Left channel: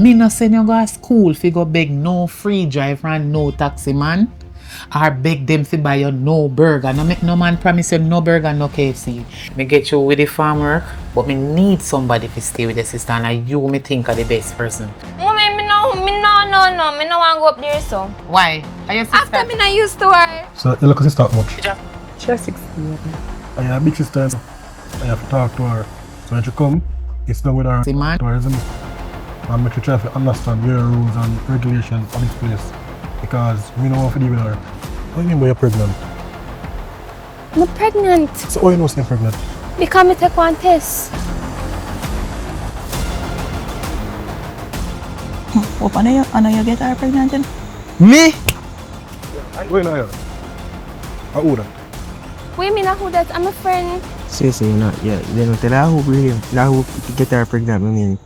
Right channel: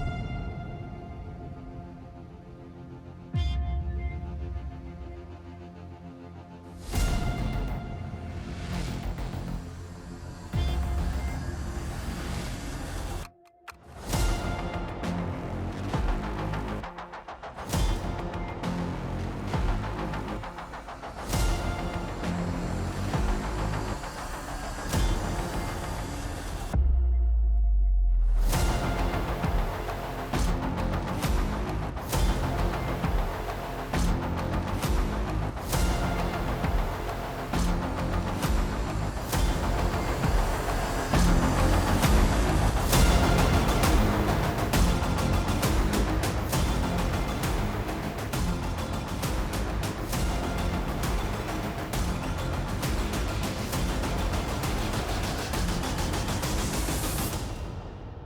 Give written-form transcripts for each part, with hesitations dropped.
Me no send you go to school fi go beg no free drive and no taxi man. Or beg them fi buy you no burger. No make no man promise you no burger, no KFC. Me get you with the farm work, but me need somebody to stay with the sister and you me think are the best person. Mommy, me no want to go up there so. Why? Are you sister? After me not used to her. So your little sister much? She's 16. Yeah, big sister. I have to talk to her. So when she come, it's not with her See, man. tourism. And make you try to understand their rules and regulations in this place. Because we know what to do with her. What do you mean by you're pregnant? I'm pregnant. So how you know you're pregnant? Because me take one test. Paano you get her pregnant then? Me? Wait, no, how old are Wait, me not who that. I'm a friend. Sí, no, yo no te la hago, la hago que te va a pregnant, no ni.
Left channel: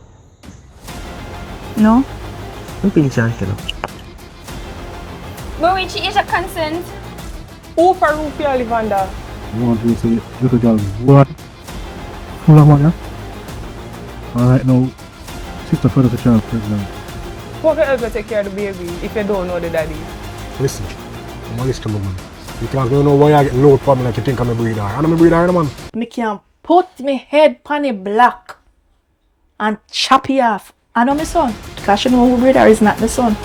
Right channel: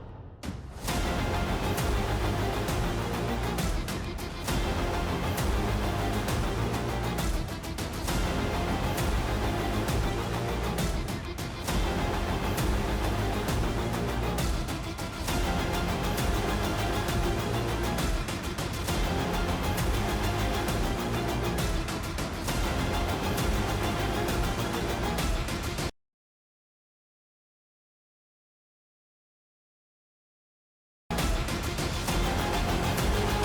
No? No tiene chance. But when she is a consent. Who for Rufia live under? you? Want to say little girl? What? Hold on, man. Alright, now, sister further to chance pregnant. How can you take care of the baby if you don't know the daddy? Listen, I'm honest to me. You can't know why I get low for me like you think I'm a breeder. I'm a breeder, man. Me can put me head on the block and chop it off. I know my son. Because you know who brother is not the son.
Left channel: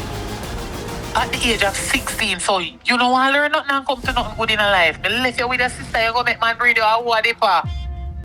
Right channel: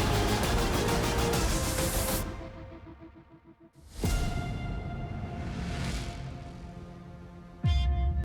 At the age of 16, so you don't want to learn nothing and come to nothing good in life. Me left you with a sister, you go make man breed you a what if